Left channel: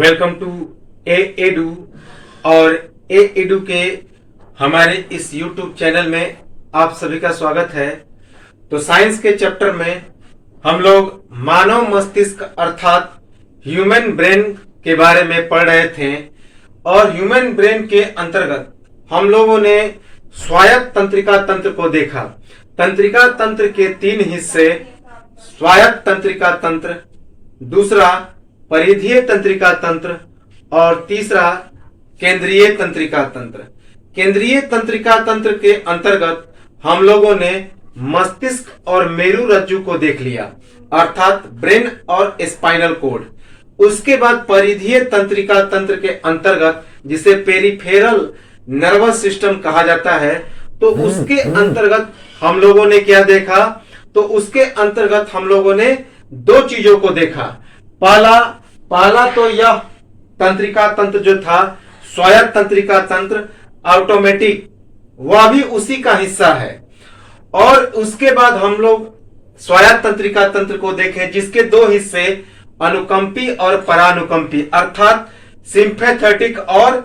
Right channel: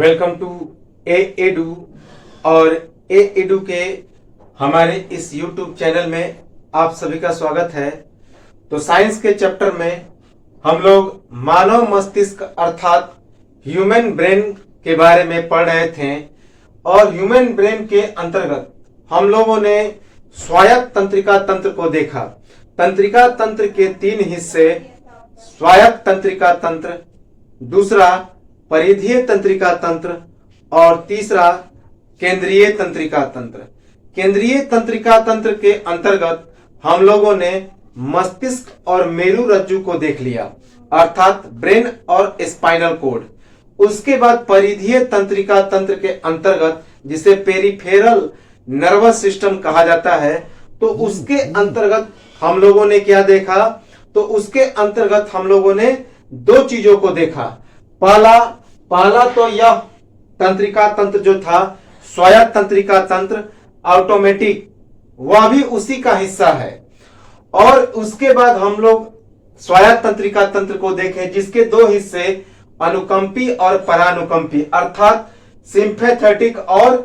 Welcome to A edu. और ए edu के हमारे इस यूट्यूब चैनल में आप सभी का स्वागत है। तो साइंस के चैप्टर में हम लोग मानव मस्तिष्क अर्थात ह्यूमन ब्रेन के बारे में पढ़ रहे थे और ह्यूमन ब्रेन के अंतर्गत हम लोगों ने स्वायत्त तंत्रिका तंत्र को देखा। तंत्रिका तंत्र के तीन हिस्से, स्वायत्त तंत्रिका तंत्र, दूसरा परिधीय तंत्रिका तंत्र और तीसरा केंद्रीय तंत्रिका तंत्र। केंद्रीय तंत्रिका तंत्र के अंतर्गत हम लोगों ने मस्तिष्क और मेरु रज्जु को देख लिया अर्थात ब्रेन और स्पाइनल कोड। उसके बाद परिधीय तंत्रिका तंत्र के अंतर्गत जिसे पेरिफेरल नर्वस सिस्टम कहा जाता है, तो उसके अंतर्गत हम लोगों ने क्या देखा? तो उसके अंतर्गत हम लोगों ने दो चीजों को देखा। पहला तो यह तंत्रिका तंत्र जो था स्वायत्त तंत्रिका तंत्र ऑटोमेटिक, वह भी उसी का हिस्सा है। और उसके बाद हम लोग स्वायत्त तंत्रिका तंत्र को देखे जिसके दो हिस्से अनुकंपी और परानुकंपी अर्थात सिंपैथेटिक और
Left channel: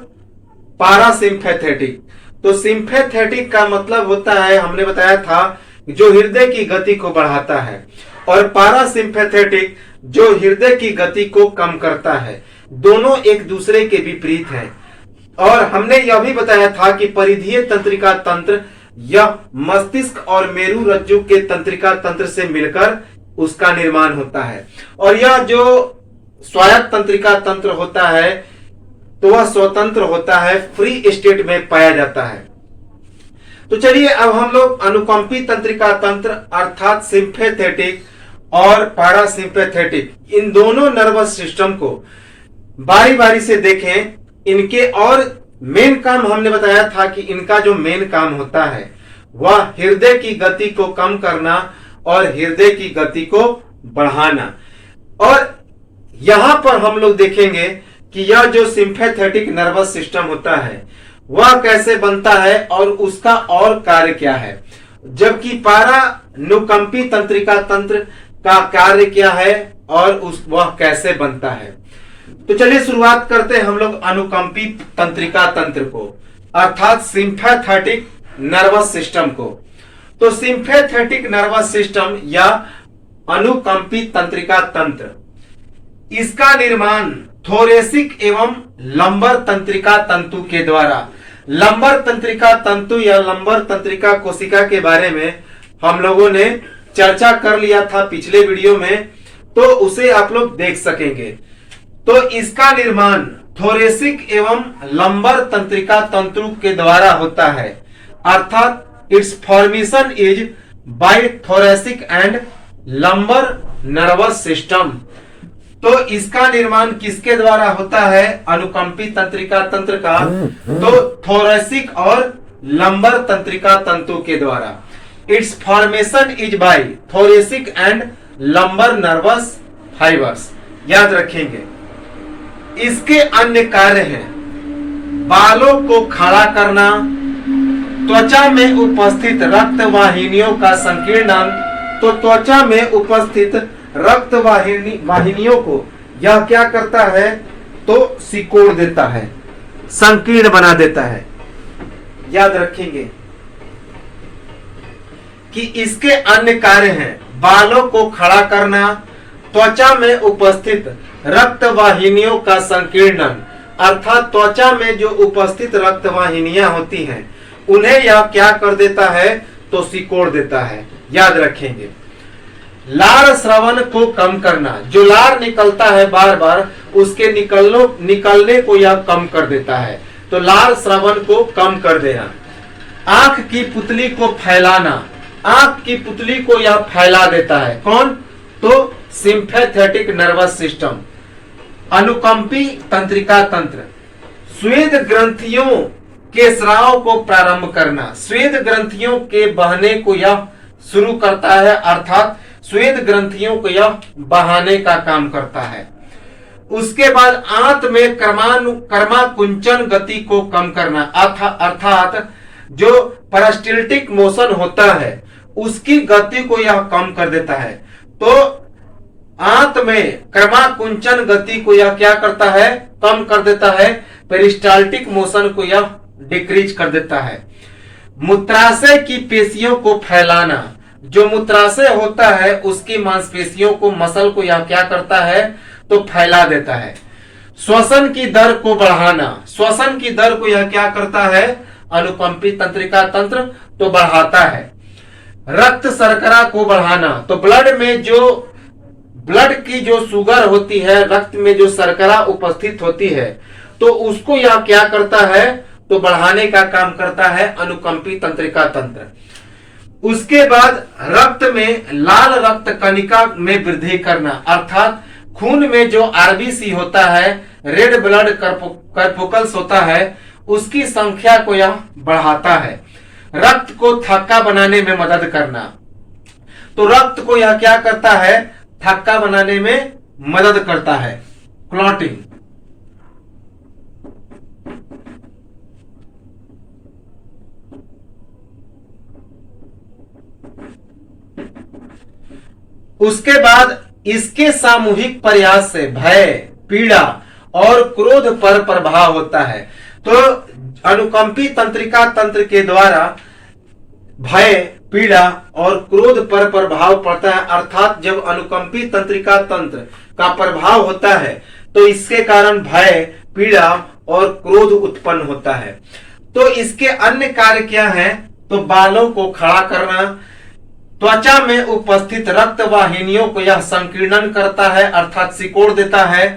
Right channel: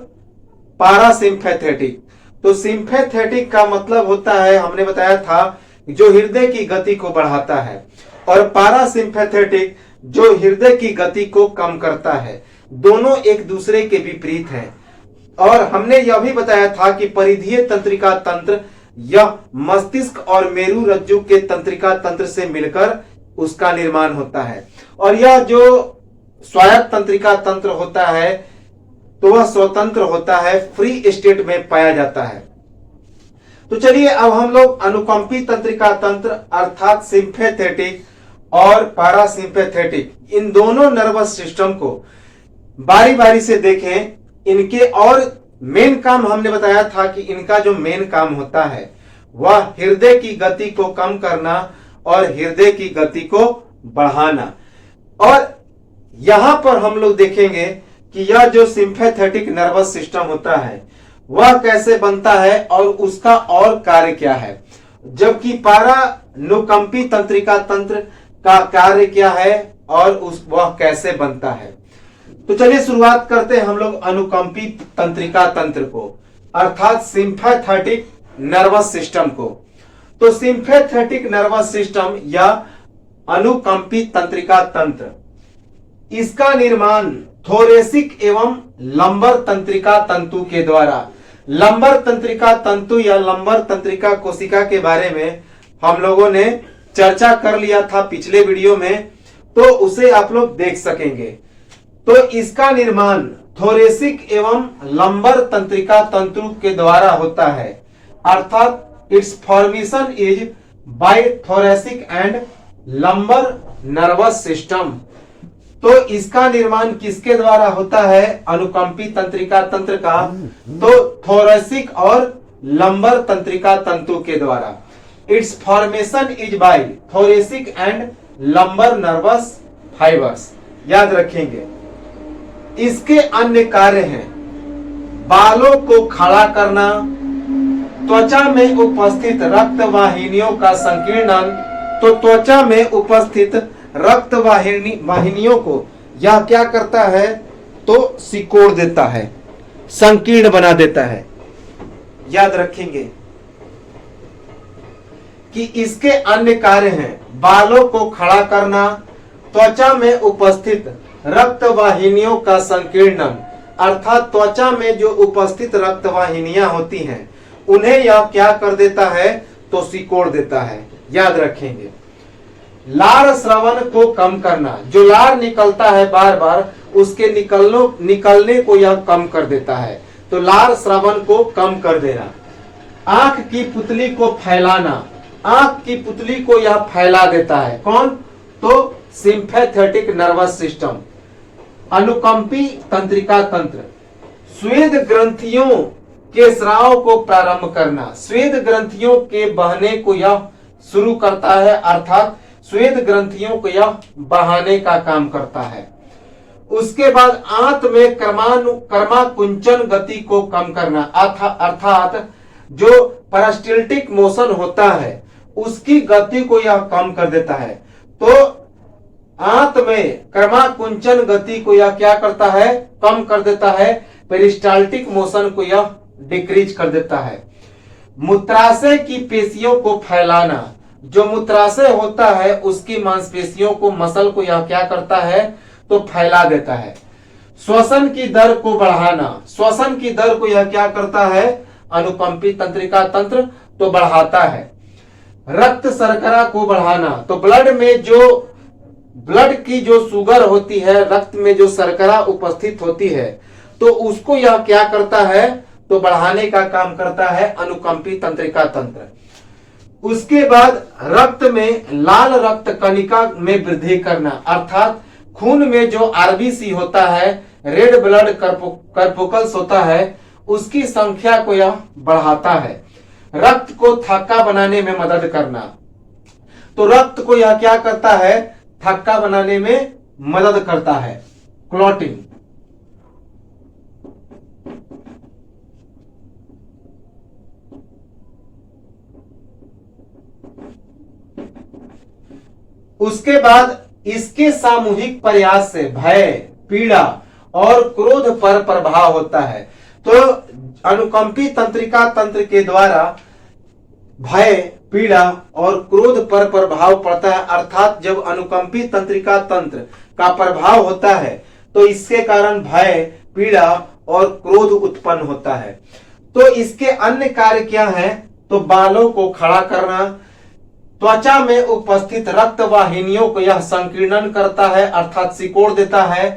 पारासिम्पैथेटिक। तो सिंपैथेटिक का मतलब होता है, हमने बताया था, जो हृदय की गति को बढ़ाता है, और पारासिम्पैथेटिक जो हृदय की गति को कम करता है। दोनों एक दूसरे के विपरीत हैं। और हमने यह भी बताया था कि परिधीय तंत्रिका तंत्र यह मस्तिष्क और मेरु रज्जु के तंत्रिका तंत्र से मिलकर उसका निर्माण होता है। और यह जो स्वायत्त तंत्रिका तंत्र होता है तो वह स्वतंत्र होता है, फ्री स्टेट में पाया जाता है। तो चलिए अब हम लोग अनुकंपी तंत्रिका तंत्र अर्थात सिंपैथेटिक और पैरासिम्पैथेटिक, इन दोनों नर्वस सिस्टम को बारी बारी से देखें। इनके और मेन काम हमने बताया था कि इनका जो मेन काम होता है वह हृदय की गति को कम करना और हृदय की गति को बढ़ाना। और यहां पर हम लोग देखेंगे कि यह जो सिंपैथेटिक नर्वस सिस्टम होता है वह कैसे बनता है और उसका और कार्य क्या है, जबकि पारानुकंपी तंत्रिका तंत्र का कार्य क्या है और वह कैसे बनता है। तो चलिए शुरुआत करते हैं हम लोग अनुकंपी तंत्रिका तंत्र को अर्थात सिंपैथेटिक नर्वस सिस्टम को। तो सिंपैथेटिक नर्वस सिस्टम या अनुकंपी तंत्रिका तंत्र, इसका निर्माण थोरेसिक एवं लंबर तंत्रिका तंतु के द्वारा, लंबर तंत्रिका तंतु या लंबर तंत्रिका कोशिका के बारे में हम लोगों ने चर्चा कर लिया था पिछले वीडियो में, तो उसे आप लोग देख सकेंगे। तो इसका निर्माण थोरेसिक एवं लंबर तंत्रिका तंतु के द्वारा होता है अर्थात it's formation is by thoracic and lumbar nervous system. तो इसका निर्माण किसके द्वारा होता है? अनुकंपी तंत्रिका तंत्र का, तो थोरेसिक और लंबर तंत्रिका तंतु के द्वारा। It's formation is by thoracic and lumbar nervous fibres. याद रखेंगे। इसके अन्य कार्य हैं बालों को खड़ा करना, त्वचा में उपस्थित रक्त वाहिनियों का संकीर्णन। तो त्वचा में उपस्थित रक्त वाहिनियों को यह क्या करता है? तो सिकोड़ देता है, संकीर्ण बना देता है। याद रखेंगे कि इसके अन्य कार्य हैं बालों को खड़ा करना, त्वचा में उपस्थित रक्त वाहिनियों का संकीर्णन अर्थात त्वचा में जो उपस्थित रक्त वाहिनियां होती हैं उन्हें यह क्या कर देता है? तो सिकोड़ देता है। याद रखेंगे। लार स्रावन को कम करना, जो लार निकलता है बार बार उसके निकलने को यह कम कर देता है। तो लार स्रावन को कम कर देना। आंख की पुतली को फैलाना, आंख की पुतली को यह फैला देता है। कौन? तो सिंपैथेटिक नर्वस सिस्टम, अनुकंपी तंत्रिका तंत्र। स्वेद ग्रंथियों के स्राव को प्रारंभ करना, स्वेद ग्रंथियों के बहने को यह शुरू करता है अर्थात स्वेद ग्रंथियों को यह बहाने का काम करता है। उसके बाद आंत में कर्माकुंचन गति को कम करना अर्थात जो पेरिस्टाल्टिक मोशन होता है उसकी गति को यह कम कर देता है। तो आंत में क्रमाकुंचन गति को यह क्या करता है, कम कर देता है। पेरिस्टाल्टिक मोशन को यह डिक्रीज कर देता है। मूत्राशय की पेशियों को फैलाना, जो मूत्राशय होता है उसकी मांसपेशियों को, मसल को यह क्या करता है, तो फैला देता है। श्वसन की दर को बढ़ाना, श्वसन की दर को यह क्या करता है, अनुकंपी तंत्रिका तंत्र तो बढ़ाता है। रक्त शर्करा को बढ़ाना, तो ब्लड की जो शुगर होती है, रक्त में जो शर्करा उपस्थित होती है, तो उसको यह क्या करता है, तो बढ़ाने का काम करता है अनुकंपी तंत्रिका तंत्र। उसके बाद रक्त में लाल रक्त कणिका में वृद्धि करना, अर्थात खून में जो आरबीसी होता है, रेड ब्लड कर्पुकल्स होता है, उसकी संख्या को यह बढ़ाता है। रक्त को थक्का बनाने में मदद करना, तो रक्त को यह क्या करता है, थक्का बनाने में मदद करता है, क्लॉटिंग। उसके बाद इसके सामूहिक प्रयास से भय, पीड़ा और क्रोध पर प्रभाव होता है। तो अनुकंपी तंत्रिका तंत्र के द्वारा भय, पीड़ा और क्रोध पर प्रभाव पड़ता है, अर्थात जब अनुकंपी तंत्रिका तंत्र का प्रभाव होता है तो इसके कारण भय, पीड़ा और क्रोध उत्पन्न होता है। तो इसके अन्य कार्य क्या है, तो बालों को खड़ा करना, त्वचा में उपस्थित रक्त वाहिनियों को यह संकीर्णन करता है, अर्थात सिकोड़ देता है।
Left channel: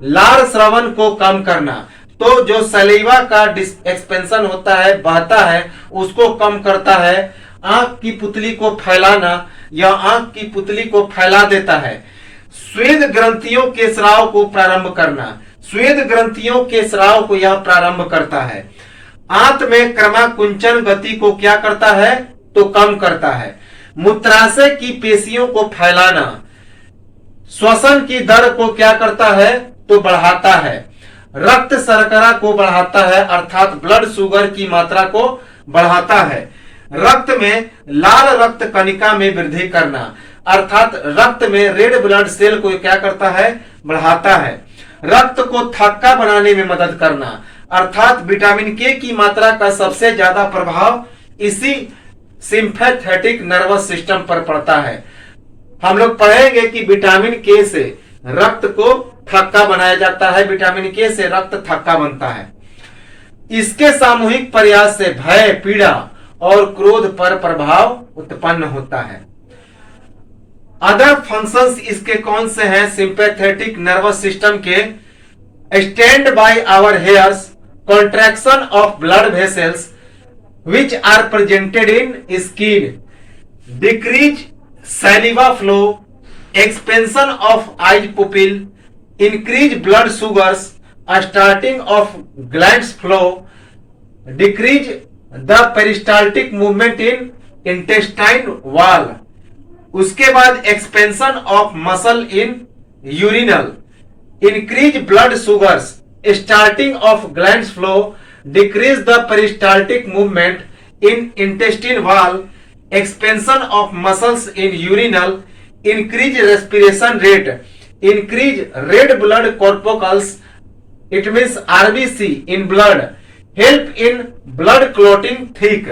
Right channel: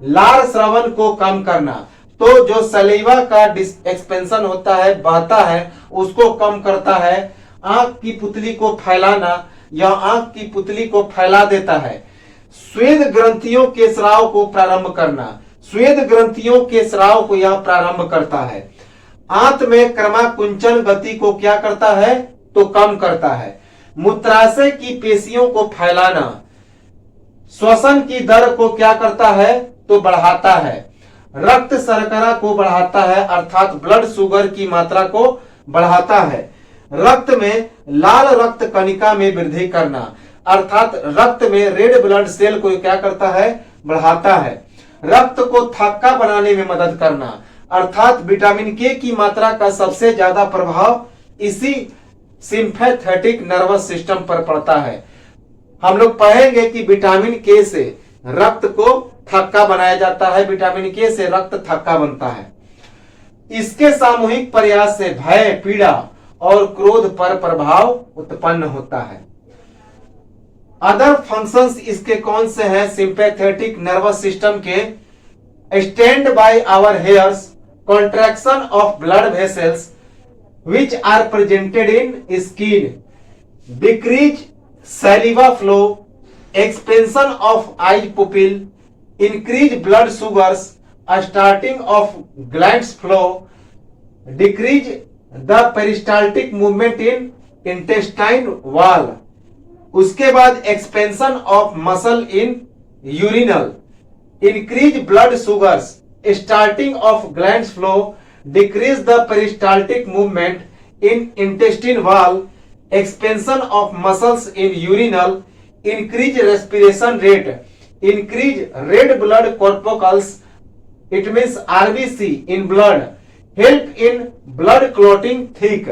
लार श्रवण को कम करना, तो जो सलीवा का एक्सपेंशन होता है, बहता है, उसको कम करता है। आंख की पुतली को फैलाना, यह आंख की पुतली को फैला देता है। स्वेद ग्रंथियों के स्राव को प्रारंभ करना, स्वेद ग्रंथियों के स्राव को यह प्रारंभ करता है। आंत में क्रमाकुंचन गति को क्या करता है, तो कम करता है। मूत्राशय की पेशियों को फैलाना, श्वसन की दर को क्या करता है, तो बढ़ाता है। रक्त शर्करा को बढ़ाता है, अर्थात ब्लड शुगर की मात्रा को बढ़ाता है। रक्त में लाल रक्त कणिका में वृद्धि करना, अर्थात रक्त में रेड ब्लड सेल को क्या करता है, बढ़ाता है। रक्त को थक्का बनाने में मदद करना, अर्थात विटामिन के की मात्रा का सबसे ज्यादा प्रभाव इसी सिंपैथेटिक नर्वस सिस्टम पर पड़ता है। हम लोग पढ़ेंगे कि विटामिन के से रक्त को थक्का बनाया जाता है, विटामिन के से रक्त थक्का बनता है। इसके सामूहिक प्रयास से भय, पीड़ा और क्रोध पर प्रभाव उत्पन्न होता है। अदर फंक्शंस इसके कौन से हैं सिंपैथेटिक नर्वस सिस्टम के, stand by our hairs, contraction of blood vessels which are presented in skin, decrease saliva flow, expansion of eye pupil, increase blood sugars, starting of glands flow, decrease the peristaltic movement in intestine wall। उसके बाद expansion of muscle in urinal, increase blood sugars, starting of glands flow, decrease the peristaltic movement in intestine wall, expansion of muscles in urinal, increase respiration rate, increase red blood corpuscles, it means RBC in blood, help in blood clotting thick।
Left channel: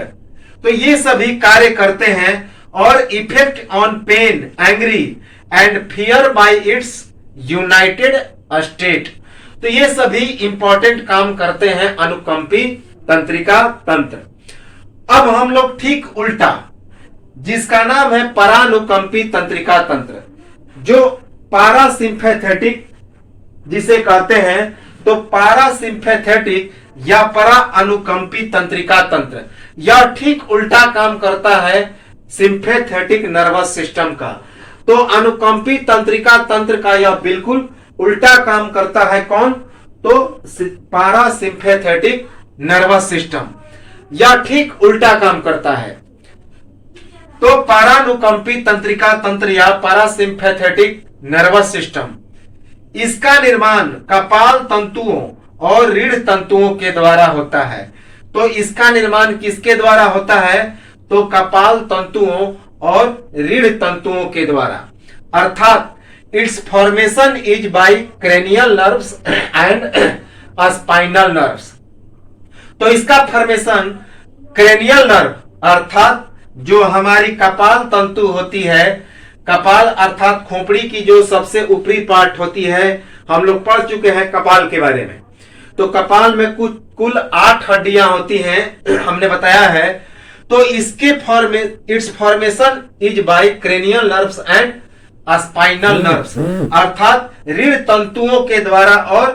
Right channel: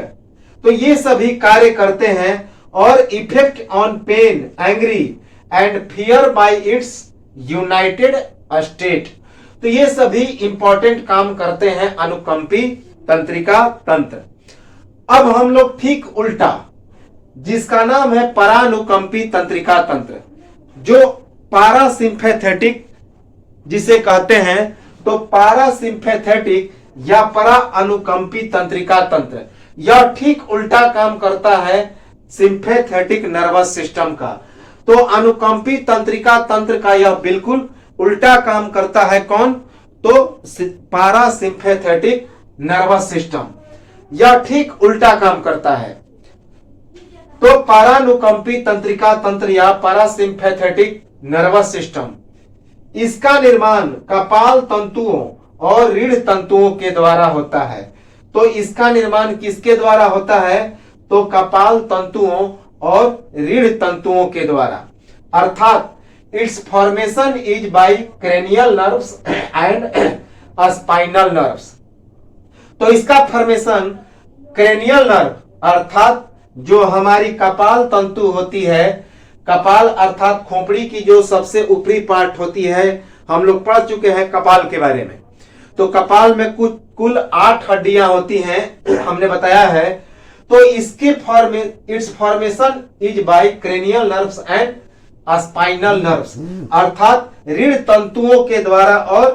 तो ये सभी कार्य करते हैं और effect on pain, angry and fear by its united state. तो ये सभी इंपॉर्टेंट काम करते हैं अनुकंपी तंत्रिका तंत्र। अब हम लोग ठीक उल्टा, जिसका नाम है परानुकंपी तंत्रिका तंत्र, जो पारासिम्पैथेटिक जिसे कहते हैं, तो पारासिम्पैथेटिक या परा अनुकंपी तंत्रिका तंत्र, यह ठीक उल्टा काम करता है सिंपैथेटिक नर्वस सिस्टम का। तो अनुकंपी तंत्रिका तंत्र का यह बिल्कुल उल्टा काम करता है। कौन? तो पारासिम्पैथेटिक नर्वस सिस्टम, यह ठीक उल्टा काम करता है। तो पारानुकंपी तंत्रिका तंत्र या पारासिम्पैथेटिक नर्वस सिस्टम, इसका निर्माण कपाल तंतुओं और रीढ़ तंतुओं के द्वारा होता है। तो इसका निर्माण किसके द्वारा होता है? तो कपाल तंतुओं और रीढ़ तंतुओं के द्वारा। अर्थात it's formation is by cranial nerves and spinal nerves. तो इसका फॉर्मेशन क्रेनियल नर्व अर्थात जो हमारी कपाल तंतु होती है, कपाल अर्थात खोपड़ी की जो सबसे ऊपरी पार्ट होती है, हम लोग पढ़ चुके हैं कपाल के बारे में। तो कपाल में कुल 8 हड्डियां होती हैं, हमने बताया है। तो इसके it's formation is by cranial nerves and spinal nerves अर्थात रीढ़ तंतुओं के द्वारा और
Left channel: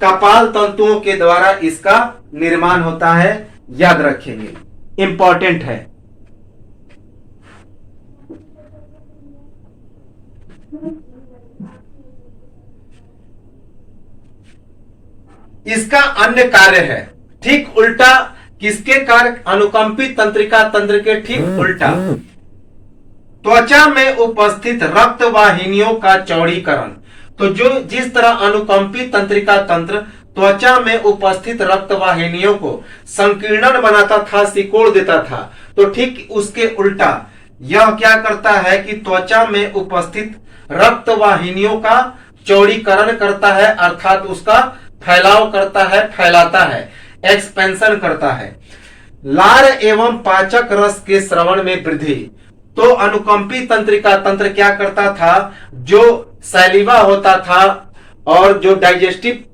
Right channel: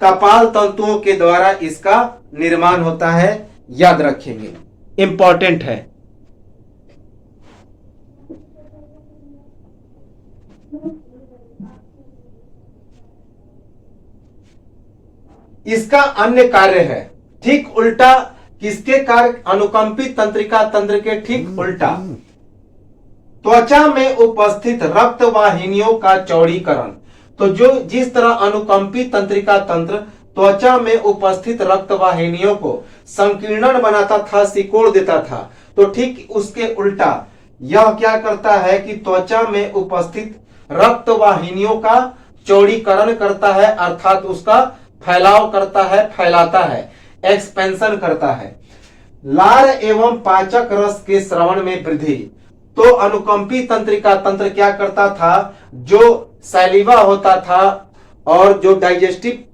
कपाल तंतुओं के द्वारा इसका निर्माण होता है। याद रखेंगे, इंपॉर्टेंट है। इसका अन्य कार्य है ठीक उल्टा। किसके कार्य? अनुकंपी तंत्रिका तंत्र के ठीक उल्टा। त्वचा में उपस्थित रक्त वाहिनियों का चौड़ीकरण। तो जो जिस तरह अनुकंपी तंत्रिका तंत्र त्वचा में उपस्थित रक्त वाहिनियों को संकीर्णन बनाता था, सिकोड़ देता था, तो ठीक उसके उल्टा यह क्या करता है कि त्वचा में उपस्थित रक्त वाहिनियों का चौड़ीकरण करता है, अर्थात उसका फैलाव करता है, फैलाता है, एक्सपेंशन करता है। लार एवं पाचक रस के स्रवण में वृद्धि। तो अनुकंपी तंत्रिका तंत्र क्या करता था? जो सैलिवा होता था और जो डाइजेस्टिव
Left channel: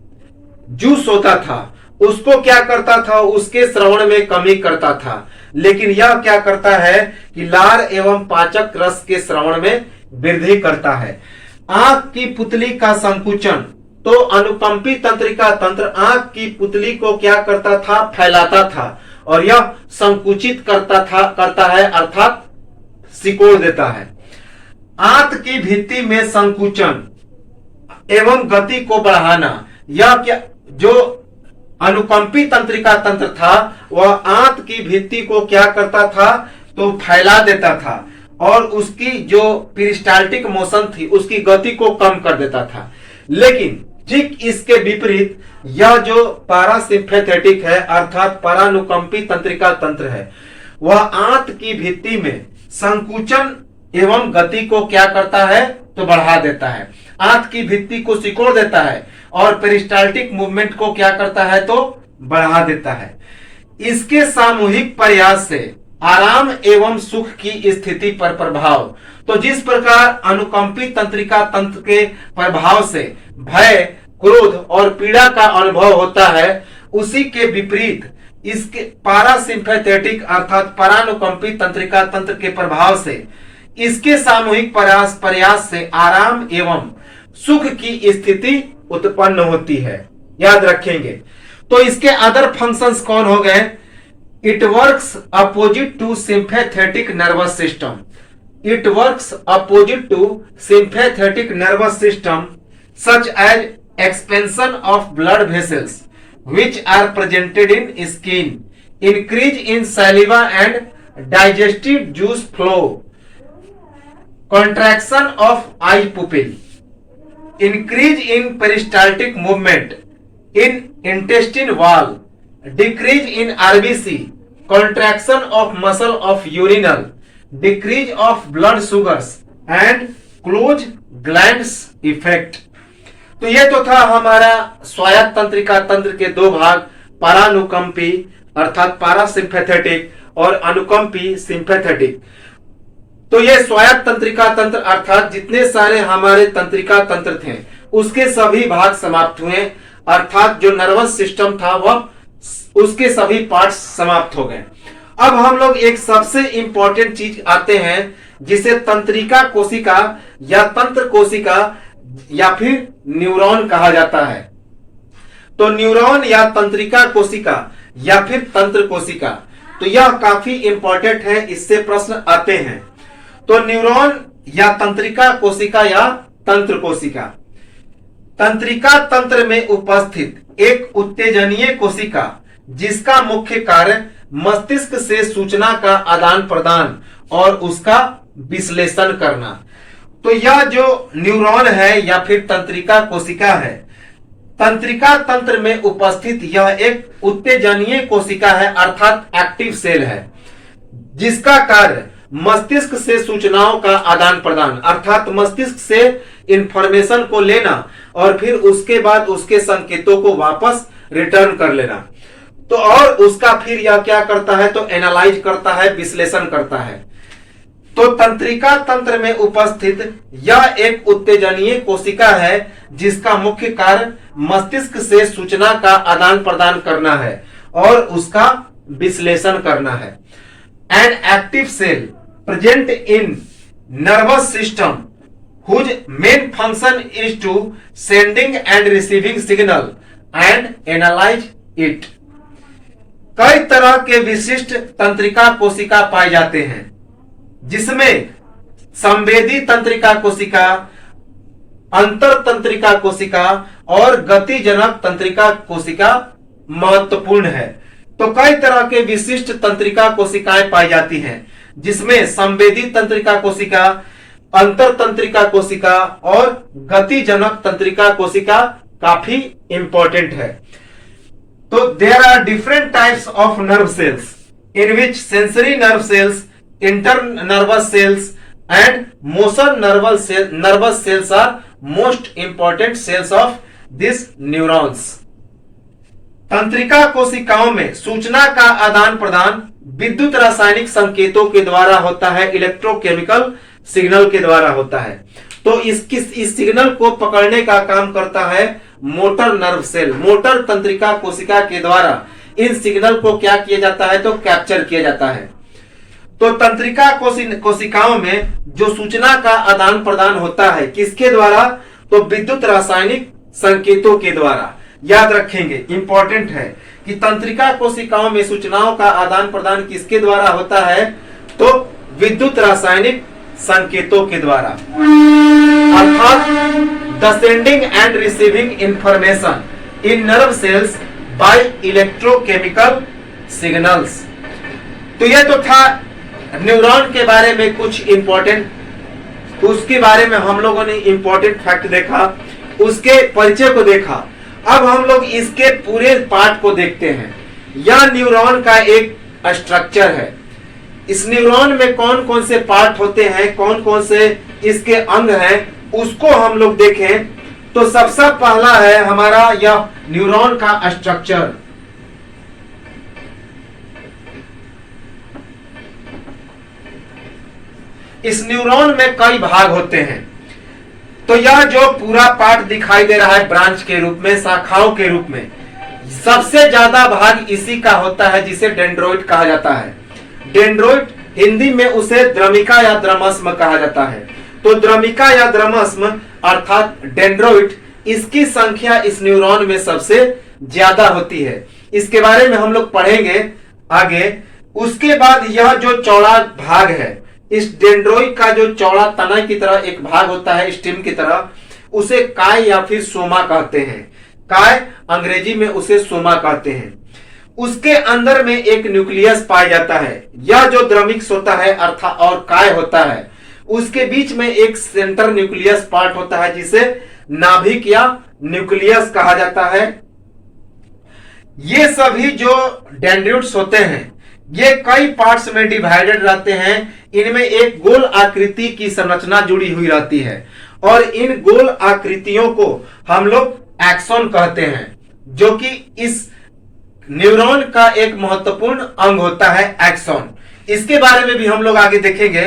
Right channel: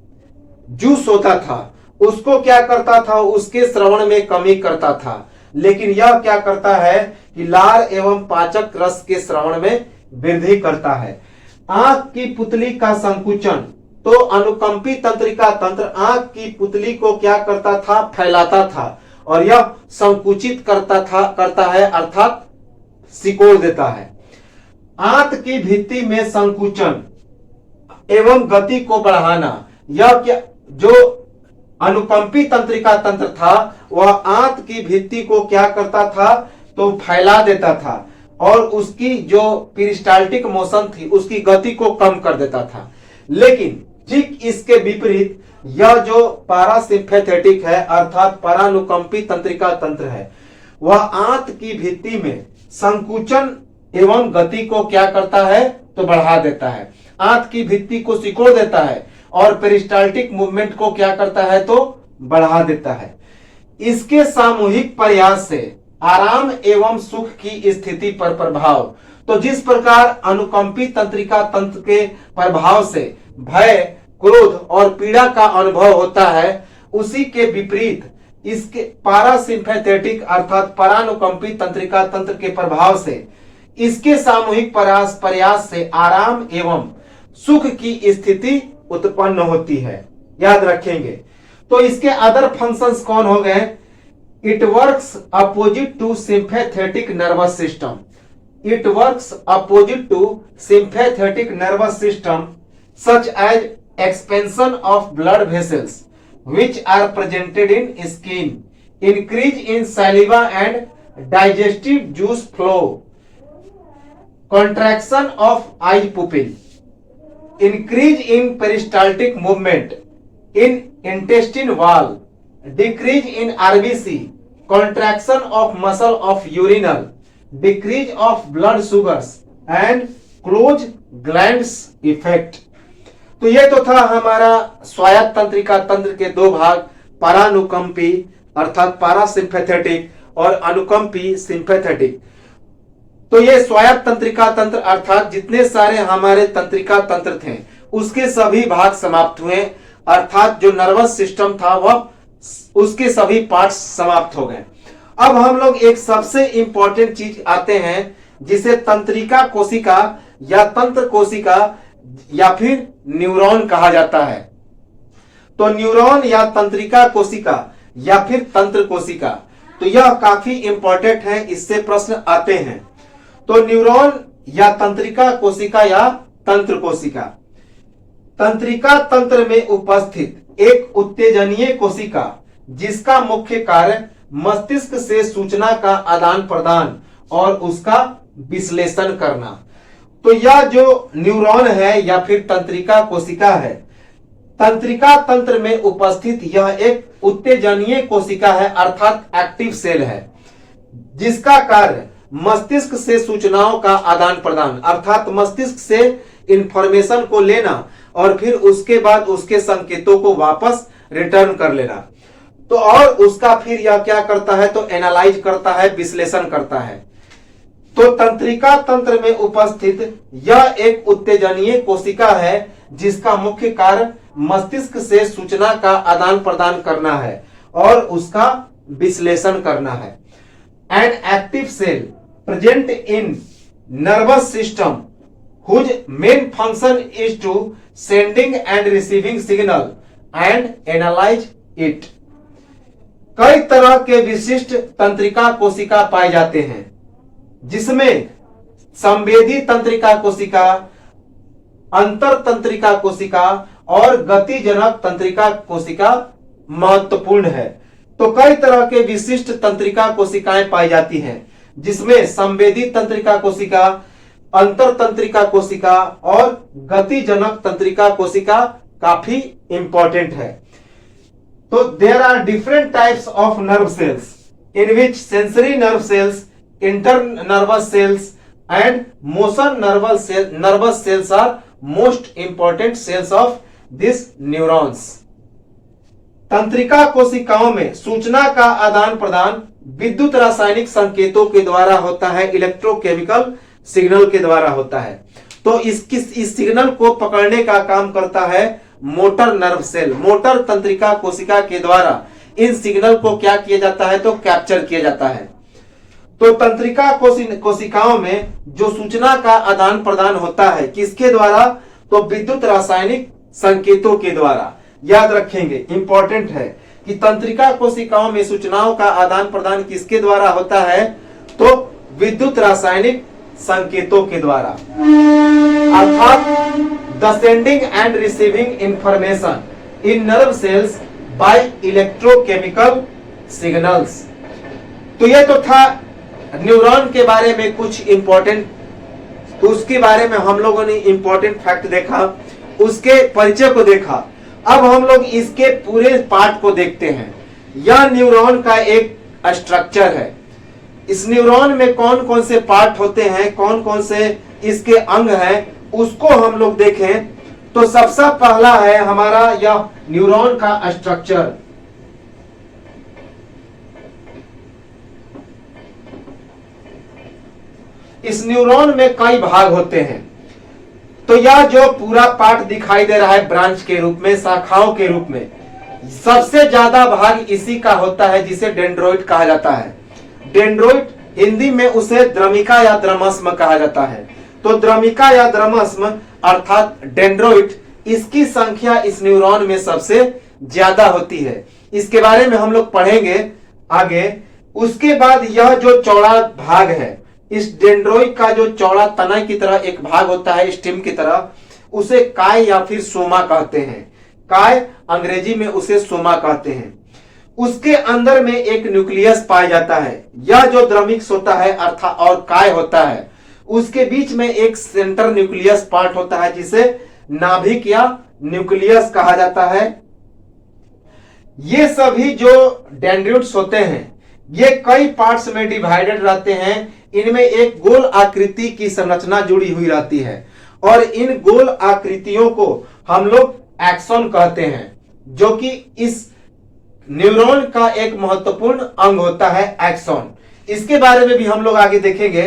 जूस होता था उसको क्या करता था? उसके श्रवण में कमी करता था। लेकिन यह क्या करता है कि लार एवं पाचक रस के श्रवण में वृद्धि करता है। आंख की पुतली का संकुचन। तो अनुकंपी तंत्रिका तंत्र आंख की पुतली को क्या करता था? फैलाता था और यह संकुचित करता है अर्थात सिकोड़ देता है। आंत की भित्ति में संकुचन एवं गति को बढ़ाना। यह क्या जो अनुकंपी तंत्रिका तंत्र था वह आंत की भित्ति को क्या करता था? तो फैला देता था और उसकी जो पेरिस्टाल्टिक मोशन थी उसकी गति को कम कर देता था। लेकिन ठीक इसके विपरीत यह जो पारासिम्पैथेटिक है अर्थात परानुकंपी तंत्रिका तंत्र है, वह आंत की भित्ति में संकुचन एवं गति को क्या करता है? तो बढ़ा देता है। आंत की भित्ति को सिकोड़ देता है और पेरिस्टाल्टिक मूवमेंट को क्या करता है? तो बढ़ा देता है। इसके सामूहिक प्रयास से आराम एवं सुख की स्थिति पर प्रभाव। तो जिस प्रकार अनुकंपी तंत्रिका तंत्र के प्रभाव से भय, क्रोध और पीड़ा का अनुभव होता है, उसी के विपरीत इसके पारासिम्पैथेटिक अर्थात परानुकंपी तंत्रिका तंत्र के प्रभाव से इसके सामूहिक प्रयास से आराम एवं सुख की स्थिति उत्पन्न होती है। याद रखेंगे। तो इसके अदर फंक्शंस कौन हो गए? It works opposite to sympathetic nervous system. It works opposite to sympathetic nervous system such as expansion of blood vessels which are presented in skin, increase in saliva and digestive juice flow, contraction of eye pupil, increase in peristaltic movement in intestine wall, decrease in RBC, contraction of muscle of urinal, decrease of blood sugars and closed glands effect। तो ये तो था हमारा स्वायत्त तंत्रिका तंत्र के दो भाग, परानुकंपी अर्थात पारासिम्पैथेटिक और अनुकंपी सिंपैथेटिक। तो ये स्वायत्त तंत्रिका तंत्र अर्थात जितने सारे हमारे तंत्रिका तंत्र थे उसके सभी भाग समाप्त हुए, अर्थात जो नर्वस सिस्टम था वह उसके सभी पार्ट्स समाप्त हो गए। अब हम लोग एक सबसे इंपॉर्टेंट चीज आते हैं जिसे तंत्रिका कोशिका या तंत्र कोशिका या फिर न्यूरॉन कहा जाता है। तो न्यूरॉन या तंत्रिका कोशिका या फिर तंत्र कोशिका, तो यह काफी इंपॉर्टेंट है, इससे प्रश्न आते हैं। तो न्यूरॉन या तंत्रिका कोशिका या तंत्र कोशिका, तंत्रिका तंत्र में उपस्थित एक उत्तेजनीय कोशिका जिसका मुख्य कार्य मस्तिष्क से सूचना का आदान प्रदान और उसका विश्लेषण करना। तो यह जो न्यूरॉन है या फिर तंत्रिका कोशिका है, तंत्रिका तंत्र में उपस्थित यह एक उत्तेजनीय कोशिका है अर्थात एक्टिव सेल है, जिसका कार्य मस्तिष्क से सूचनाओं का आदान प्रदान, अर्थात मस्तिष्क से इंफॉर्मेशन को लेना और फिर उसके बाद उसके संकेतों को वापस रिटर्न कर लेना। तो और उसका फिर यह क्या करता है, तो एनालाइज करता है, विश्लेषण करता है। तो तंत्रिका तंत्र में उपस्थित यह एक उत्तेजनीय कोशिका है जिसका मुख्य कार्य मस्तिष्क से सूचना का आदान प्रदान करना है और उसका विश्लेषण करना है। An active cell present in nervous system whose main function is to sending and receiving signal and analyze it। कई तरह के विशिष्ट तंत्रिका कोशिका पाए जाते हैं जिसमें संवेदी तंत्रिका कोशिका, अंतर तंत्रिका कोशिका और गतिजनक तंत्रिका कोशिका महत्वपूर्ण है। तो कई तरह के विशिष्ट तंत्रिका कोशिकाएं पाई जाती हैं जिसमें संवेदी तंत्रिका कोशिका, अंतर तंत्रिका कोशिका और गतिजनक तंत्रिका कोशिका काफी इंपॉर्टेंट है। तो there are different types of nerve cells in which sensory nerve cells, intern nervous cells and motion nervous cells are most important cells of this neurons. तंत्रिका कोशिकाओं में सूचना का आदान प्रदान विद्युत रासायनिक संकेतों के द्वारा होता है, इलेक्ट्रोकेमिकल सिग्नल के द्वारा होता है। तो इस सिग्नल को पकड़ने का काम करता है मोटर नर्व सेल। मोटर तंत्रिका कोशिका के द्वारा इन सिग्नल को क्या किया जाता है, तो कैप्चर किया जाता है। तो तंत्रिका कोशिकाओं में जो सूचना का आदान प्रदान होता है किसके द्वारा, तो विद्युत रासायनिक संकेतों के द्वारा। याद रखेंगे, इंपॉर्टेंट है कि तंत्रिका कोशिकाओं में सूचनाओं का आदान प्रदान किसके द्वारा होता है, तो विद्युत रासायनिक संकेतों के द्वारा, अर्थात the sending and receiving information in nerve cells by electrochemical signals. तो यह तो था न्यूरॉन के बारे में कुछ इंपॉर्टेंट, उसके बारे में हम लोगों ने इंपॉर्टेंट फैक्ट देखा, उसके परिचय को देखा। अब हम लोग इसके पूरे पार्ट को देखते हैं। यह न्यूरॉन का एक स्ट्रक्चर है। इस न्यूरॉन में कौन कौन से पार्ट होते हैं, कौन कौन से इसके अंग हैं, उसको हम लोग देखें। तो सबसे पहला है हमारा यह न्यूरॉन का स्ट्रक्चर। इस न्यूरॉन में कई भाग होते हैं। तो यह जो पूरा पार्ट दिखाई दे रहा है ब्रांच के रूप में, शाखाओं के रूप में, सबसे ज्यादा भाग इसी का होता है जिसे डेंड्रोइड कहा जाता है। डेंड्रोइड हिंदी में उसे द्रमिका या द्रमस्म कहा जाता है। तो द्रमिका या द्रमस्म अर्थात डेंड्रोइड, इसकी संख्या इस न्यूरॉन में सबसे ज्यादा होती है। इसके बारे में हम लोग पढ़ेंगे आगे। उसके बाद यह जो चौड़ा भाग है, इस डेंड्रोइड का जो चौड़ा तना की तरह एक भाग होता है स्टिम की तरह, उसे काय या फिर सोमा कहते हैं। काय अंग्रेजी में उसे सोमा कहते हैं। उसके अंदर में एक न्यूक्लियस पाया जाता है। यह जो द्रमिक्स होता है अर्थात और काय होता है, उसके बीच में एक सेंटर न्यूक्लियस पार्ट होता है जिसे नाभिक या न्यूक्लियस कहा जाता है। ये सभी जो डेंड्रोइड्स होते हैं ये कई पार्ट्स में डिवाइडेड रहते हैं। इनमें एक गोल आकृति की संरचना जुड़ी हुई रहती है और इन गोल आकृतियों को हम लोग एक्सॉन कहते हैं, जो कि इस न्यूरॉन का एक महत्वपूर्ण अंग होता है एक्सॉन। इसके बारे में भी हम लोग आगे देखेंगे।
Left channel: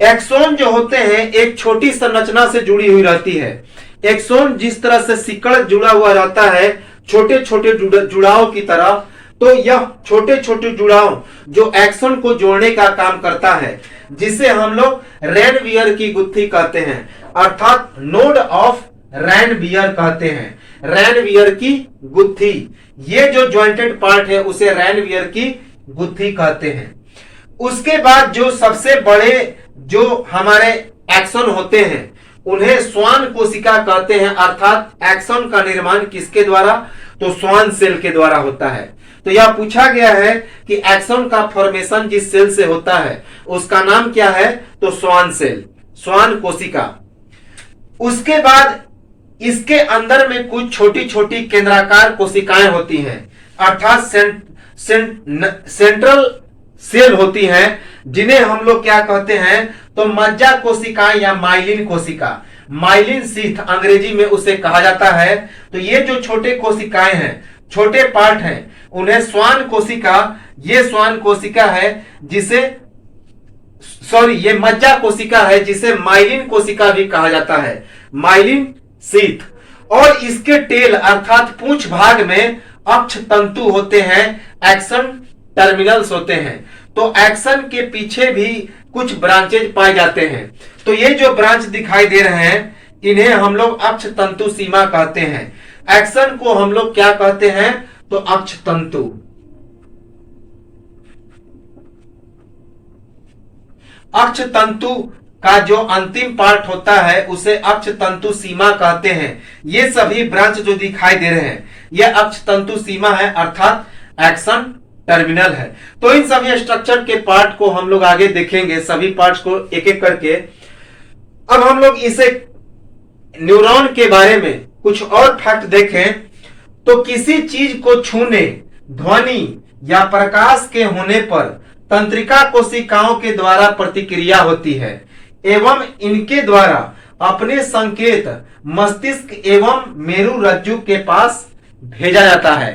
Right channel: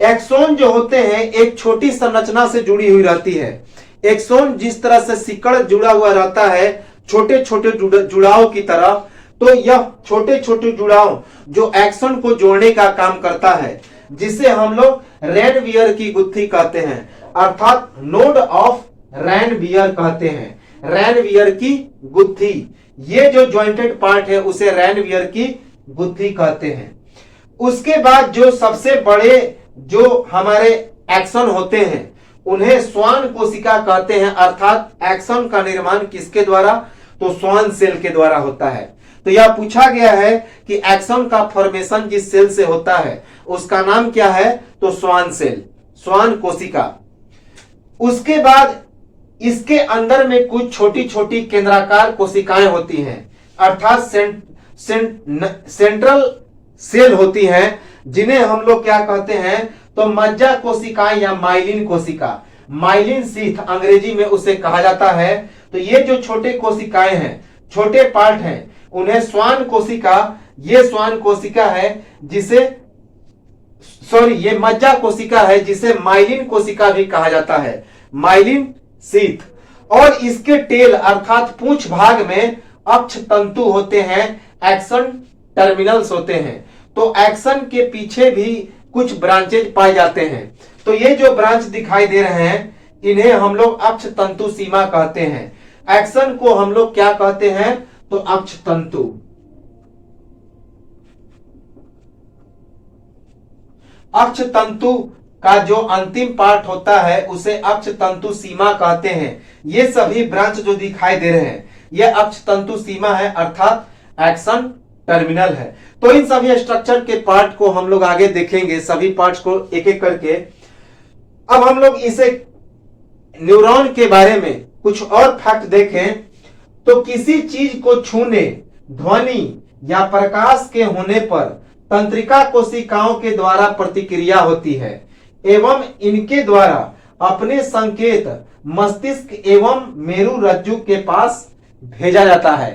एक्सॉन जो होते हैं एक छोटी संरचना से जुड़ी हुई रहती है। एक्सॉन जिस तरह से सिकड़ जुड़ा हुआ रहता है छोटे छोटे जुड़ाव की तरह, तो यह छोटे छोटे जुड़ाव जो एक्सॉन को जोड़ने का काम करता है, जिसे हम लोग रैनवियर की गुत्थी कहते हैं, अर्थात नोड ऑफ रैनवियर कहते हैं। रैनवियर की गुत्थी, ये जो ज्वाइंटेड पार्ट है उसे रैनवियर की गुत्थी कहते हैं। उसके बाद जो सबसे बड़े जो हमारे एक्सॉन होते हैं उन्हें स्वान कोशिका कहते हैं, अर्थात एक्सॉन का निर्माण किसके द्वारा, तो स्वान सेल के द्वारा होता है। तो यह पूछा गया है कि एक्सॉन का फॉर्मेशन जिस सेल से होता है उसका नाम क्या है, तो स्वान सेल, स्वान कोशिका। उसके बाद इसके अंदर में कुछ छोटी छोटी केंद्राकार कोशिकाएं होती हैं, अर्थात सेंट्रल सेल होती हैं, जिन्हें हम लोग क्या कहते हैं, तो मज्जा कोशिकाएं या माइलिन कोशिका, माइलिन शीथ अंग्रेजी में उसे कहा जाता है। तो ये जो छोटे कोशिकाएं हैं, छोटे पार्ट हैं, उन्हें श्वान कोशिका, ये श्वान कोशिका है जिसे ये मज्जा कोशिका है जिसे माइलिन कोशिका भी कहा जाता है, माइलिन शीथ। और इसके टेल अर्थात पूंछ भाग में अक्ष तंतु होते हैं, एक्सन टर्मिनल्स होते हैं। तो एक्सन के पीछे भी कुछ ब्रांचेज पाए जाते हैं। तो ये जो ब्रांच दिखाई दे रहे हैं, इन्हें हम लोग अक्ष तंतु सीमा कहते हैं। एक्सन को हम लोग क्या कहते हैं, तो अक्ष तंतु। अक्ष तंतु का जो अंतिम पार्ट होता है उसे अक्ष तंतु सीमा कहते हैं। ये सभी ब्रांच जो दिखाई दे रहे हैं, यह अक्ष तंतु सीमा है, अर्थात एक्सन टर्मिनल है। तो इन सभी स्ट्रक्चर के पार्ट को हम लोग आगे देखेंगे, सभी पार्ट्स को एक एक करके। अब हम लोग इसे न्यूरॉन के बारे में कुछ और फैक्ट देखें तो किसी चीज को छूने, ध्वनि या प्रकाश के होने पर तंत्रिका कोशिकाओं के द्वारा प्रतिक्रिया होती है एवं इनके द्वारा अपने संकेत मस्तिष्क एवं मेरु रज्जु के पास भेजा जाता है।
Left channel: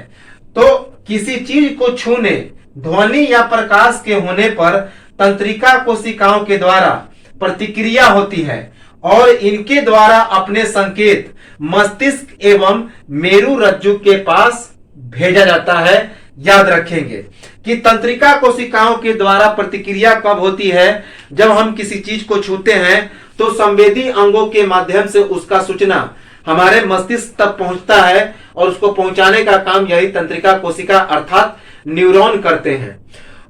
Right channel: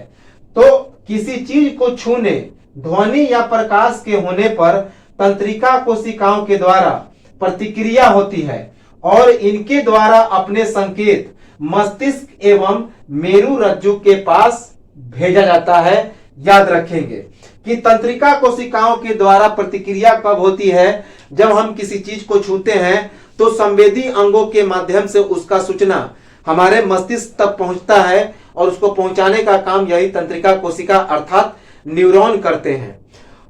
तो किसी चीज को छूने, ध्वनि या प्रकाश के होने पर तंत्रिका कोशिकाओं के द्वारा प्रतिक्रिया होती है और इनके द्वारा अपने संकेत मस्तिष्क एवं मेरु रज्जु के पास भेजा जाता है। याद रखेंगे कि तंत्रिका कोशिकाओं के द्वारा प्रतिक्रिया कब होती है, जब हम किसी चीज को छूते हैं तो संवेदी अंगों के माध्यम से उसका सूचना हमारे मस्तिष्क तक पहुंचता है और उसको पहुंचाने का काम यही तंत्रिका कोशिका अर्थात न्यूरॉन करते हैं।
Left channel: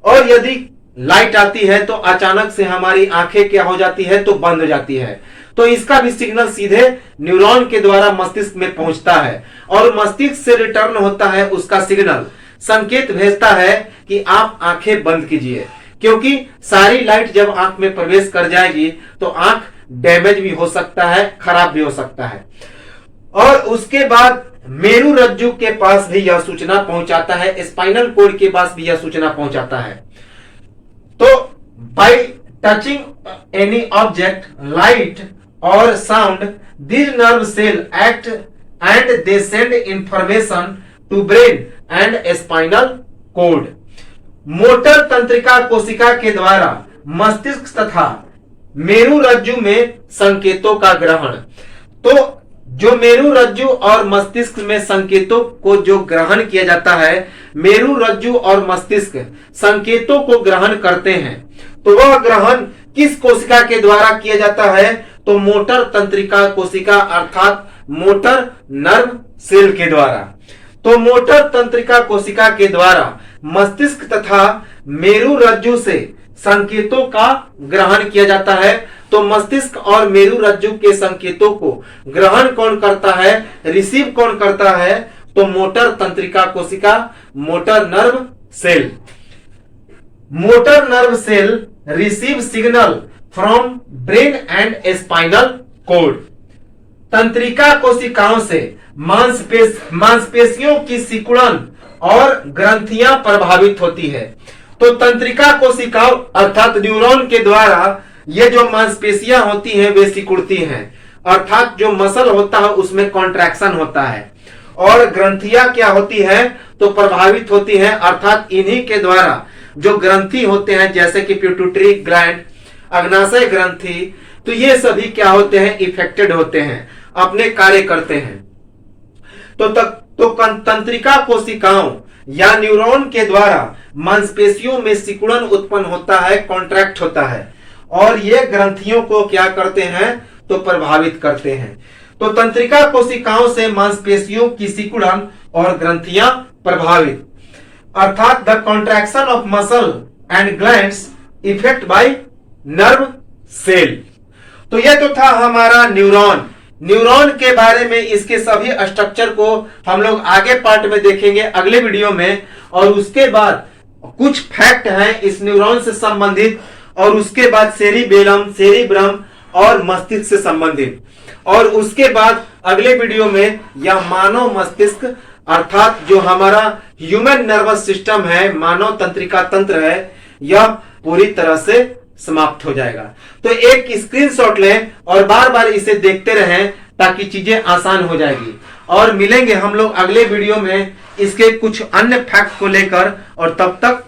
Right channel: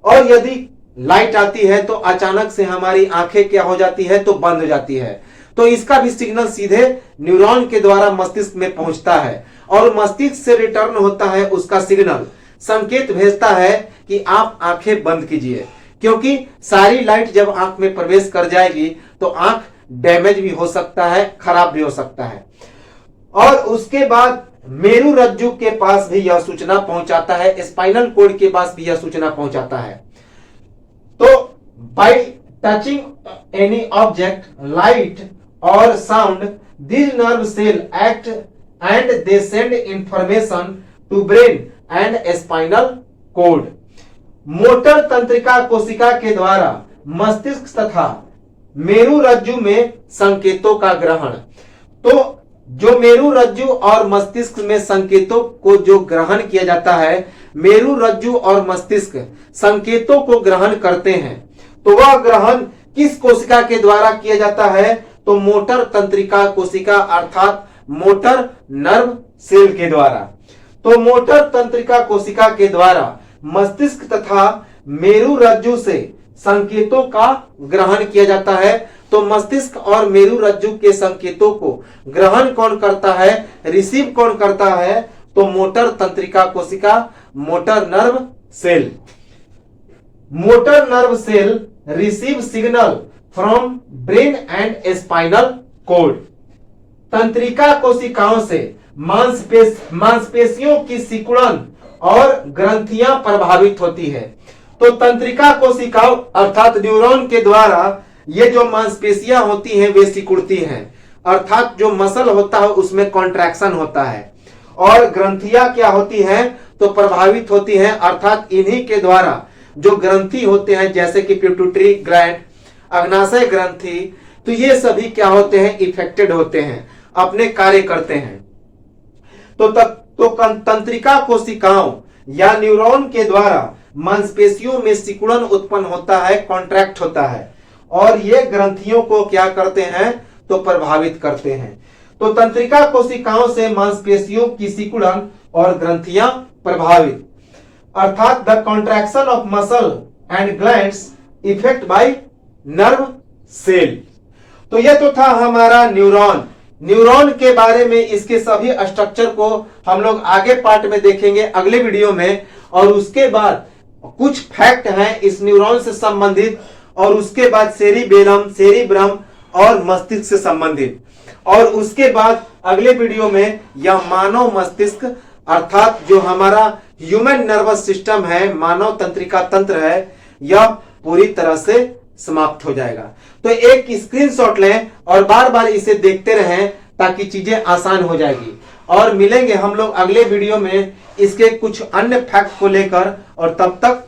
और यदि लाइट आती है तो अचानक से हमारी आंखें क्या हो जाती है, तो बंद हो जाती है। तो इसका भी सिग्नल सीधे न्यूरॉन के द्वारा मस्तिष्क में पहुंचता है और मस्तिष्क से रिटर्न होता है उसका सिग्नल, संकेत भेजता है कि आप आंखें बंद कीजिए, क्योंकि सारी लाइट जब आंख में प्रवेश कर जाएगी तो आंख डैमेज भी हो सकता है, खराब भी हो सकता है। और उसके बाद मेरु रज्जु के पास भी यह सूचना पहुंचाता है, स्पाइनल कोड के पास भी यह सूचना पहुंचाता है। तो bye touching any object, light और sound, these nerve cell act and they send information to brain and spinal cord। Motor तंत्रिका कोशिका के द्वारा मस्तिष्क तथा मेरु रज्जु में संकेतों का ग्रहण। तो जो मेरु रज्जु और मस्तिष्क में संकेतों को जो ग्रहण किया जाता है, मेरु रज्जु और मस्तिष्क संकेतों को ग्रहण करते हैं। तो वह ग्रहण किस कोशिका के द्वारा किया जाता है, तो मोटर तंत्रिका कोशिका अर्थात मोटर नर्व सेल के द्वारा। तो मोटर तंत्रिका कोशिका के द्वारा मस्तिष्क तथा मेरु रज्जु से संकेतों का ग्रहण किया जाता है। तो मस्तिष्क और मेरु रज्जु के संकेतों को ग्रहण कौन करता है, रिसीव कौन करता है, तो मोटर तंत्रिका कोशिका, motor nerve cell. Motor nerve cell receive signal from brain and spinal cord. तंत्रिका कोशिकाओं से मांसपेशियों की सिकुड़न और ग्रंथियां प्रभावित होती है। तो तंत्रिका कोशिकाओं अर्थात न्यूरॉन के द्वारा ये जो मांसपेशियां होती हैं वे सिकुड़ती हैं, अर्थात जो मसल होता है उसमें कॉन्ट्रैक्शन होता है। और ग्रंथियां क्या होती हैं, तो प्रभावित होती हैं, अर्थात इन्हीं के द्वारा जो ग्रंथि होते हैं जैसे कि पिट्यूटरी ग्लैंड, अग्नाशय ग्रंथि, तो ये सभी क्या होते हैं, इफेक्टेड होते हैं, अपने कार्य करते हैं। तो तंत्रिका कोशिकाओं या न्यूरॉन के द्वारा मांसपेशियों में सिकुड़न उत्पन्न होता है, कॉन्ट्रैक्ट होता है, और ये ग्रंथियों को क्या करते हैं, तो प्रभावित करते हैं। तो तंत्रिका कोशिकाओं से मांसपेशियों की सिकुड़न और ग्रंथियां प्रभावित, अर्थात the contraction of muscle and glands effect by nerve cell. तो यह तो था हमारा न्यूरॉन। न्यूरॉन के बारे में इसके सभी स्ट्रक्चर को हम लोग आगे पार्ट में देखेंगे अगले वीडियो में। और उसके बाद कुछ फैक्ट हैं इस न्यूरॉन से संबंधित, और उसके बाद सेरिबेलम, सेरिब्रम और मस्तिष्क से संबंधित। और उसके बाद अगले वीडियो में यह मानव मस्तिष्क अर्थात जो हमारा ह्यूमन नर्वस सिस्टम है, मानव तंत्रिका तंत्र है, यह पूरी तरह से समाप्त हो जाएगा। तो एक स्क्रीनशॉट लें और बार बार इसे देखते रहें ताकि चीजें आसान हो जाएगी। और मिलेंगे हम लोग अगले वीडियो में इसके कुछ अन्य फैक्ट को लेकर, और तब तक